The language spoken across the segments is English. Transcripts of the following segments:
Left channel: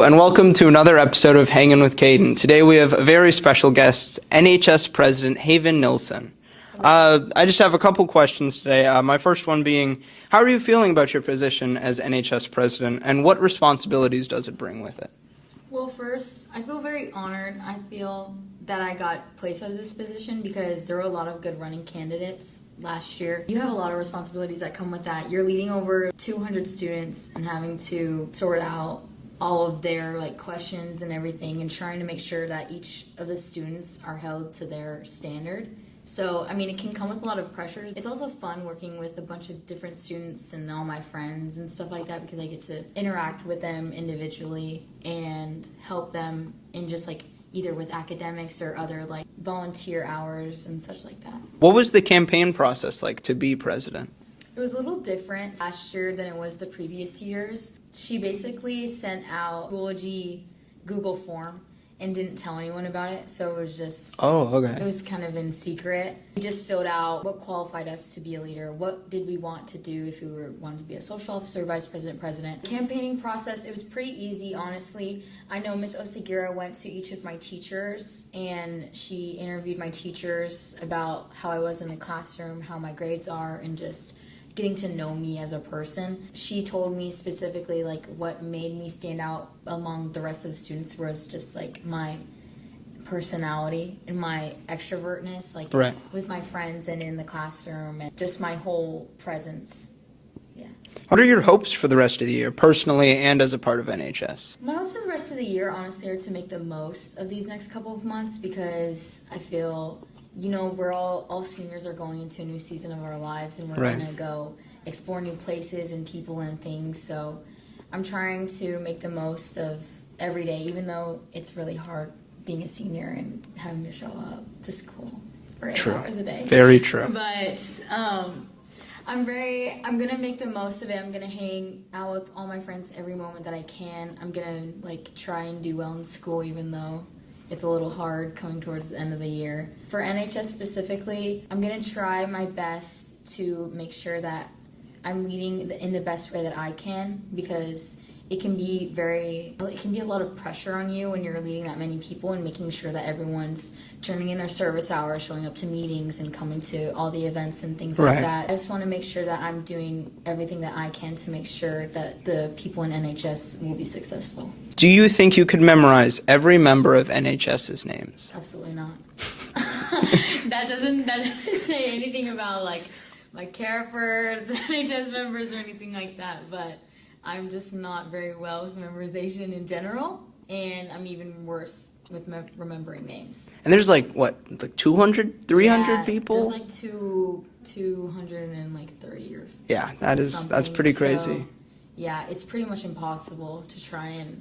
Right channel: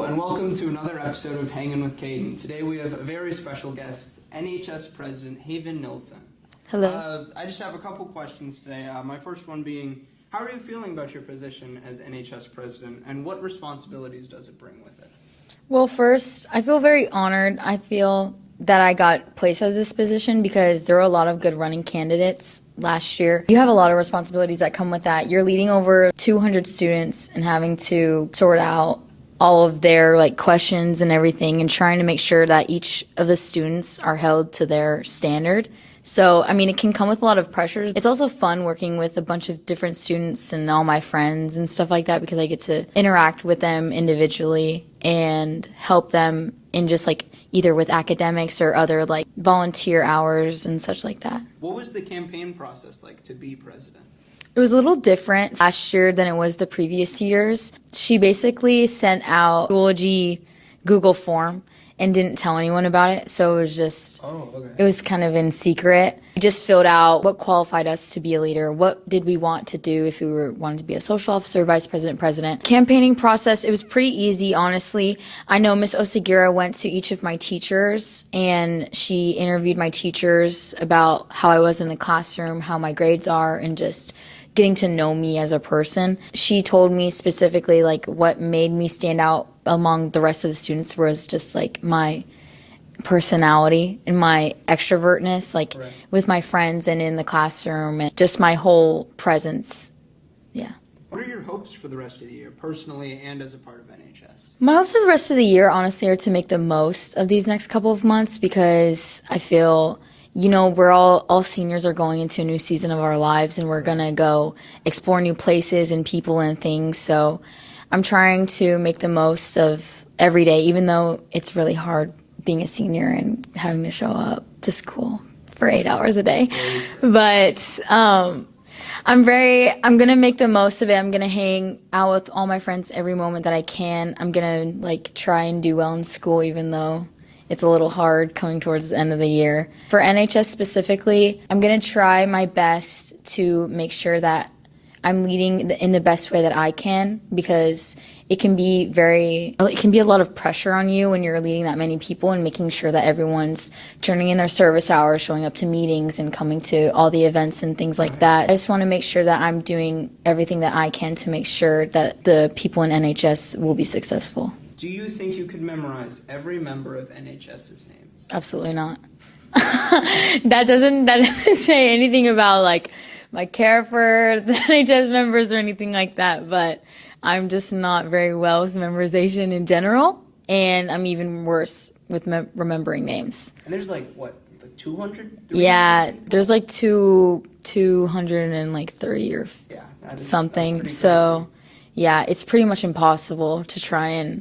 Hello and welcome to another episode of Hangin With Cayden. Today we have a very special guest, NHS President Haven Nilsson. Hello. I just have a couple questions today. My first one being, how are you feeling about your position as NHS President and what responsibilities does it bring with it? Well, first, I feel very honored. I feel that I got placed at this position because there were a lot of good running candidates last year. You have a lot of responsibilities that come with that. You're leading over 200 students and having to sort out all of their questions and everything and trying to make sure that each of the students are held to their standard. So, I mean, it can come with a lot of pressure. It's also fun working with a bunch of different students and all my friends and stuff like that because I get to interact with them individually and help them in just either with academics or other volunteer hours and such like that. What was the campaign process like to be president? It was a little different last year than it was the previous years. She basically sent out Google form and didn't tell anyone about it, so it was just, it was kind of in secret. We just filled out what qualified us to be a leader, what did we want to do if we wanted to be a social officer, vice president, president. Campaigning process, it was pretty easy, honestly. I know Miss Osagira went to each of my teachers and she interviewed my teachers about how I was in the classroom, how my grades are, and just getting to know me as a person. She told me specifically what made me stand out among the rest of the students was just my personality and my extrovertness, right, with my friends and in the classroom, and just my whole presence. Yeah. What are your hopes for the rest of the year, personally and as a part of NHS? My hopes for the rest of the year, honestly, are to make the most of these next couple of months because I feel, we're all seniors are going into a new season of our lives and we're gonna go explore new places and people and things. So I'm trying to make the most of every day, even though it's really hard being a senior and having to show up to school for 8 hours a day. Very true. But I'm gonna make the most of it. I'm gonna hang out with all my friends every moment that I can. I'm gonna try and do well in school, even though it's a little hard coming towards the end of the year. For NHS specifically, I'm gonna try my best to make sure that I'm leading in the best way that I can because it can be a lot of pressure on you when you're leading that many people and making sure that everyone's turning in their service hours, showing up to meetings and coming to all the events and things like that. I just wanna make sure that I'm doing everything that I can to make sure that the people in NHS will be successful. Do you think you could memorize every member of NHS's names? Absolutely not. That doesn't say anything about my care for the NHS members or anything like that, but I'm just not very well with memorization in general, and I'm even worse with remembering names. And there's 200, 300 people? There's 230 or something. That's pretty crazy. So yeah, it's pretty much impossible to try and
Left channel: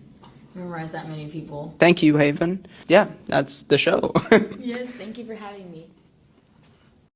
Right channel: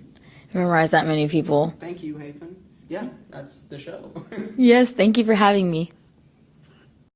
memorize that many people. Thank you, Haven. Yeah, that's the show. Yes, thank you for having me.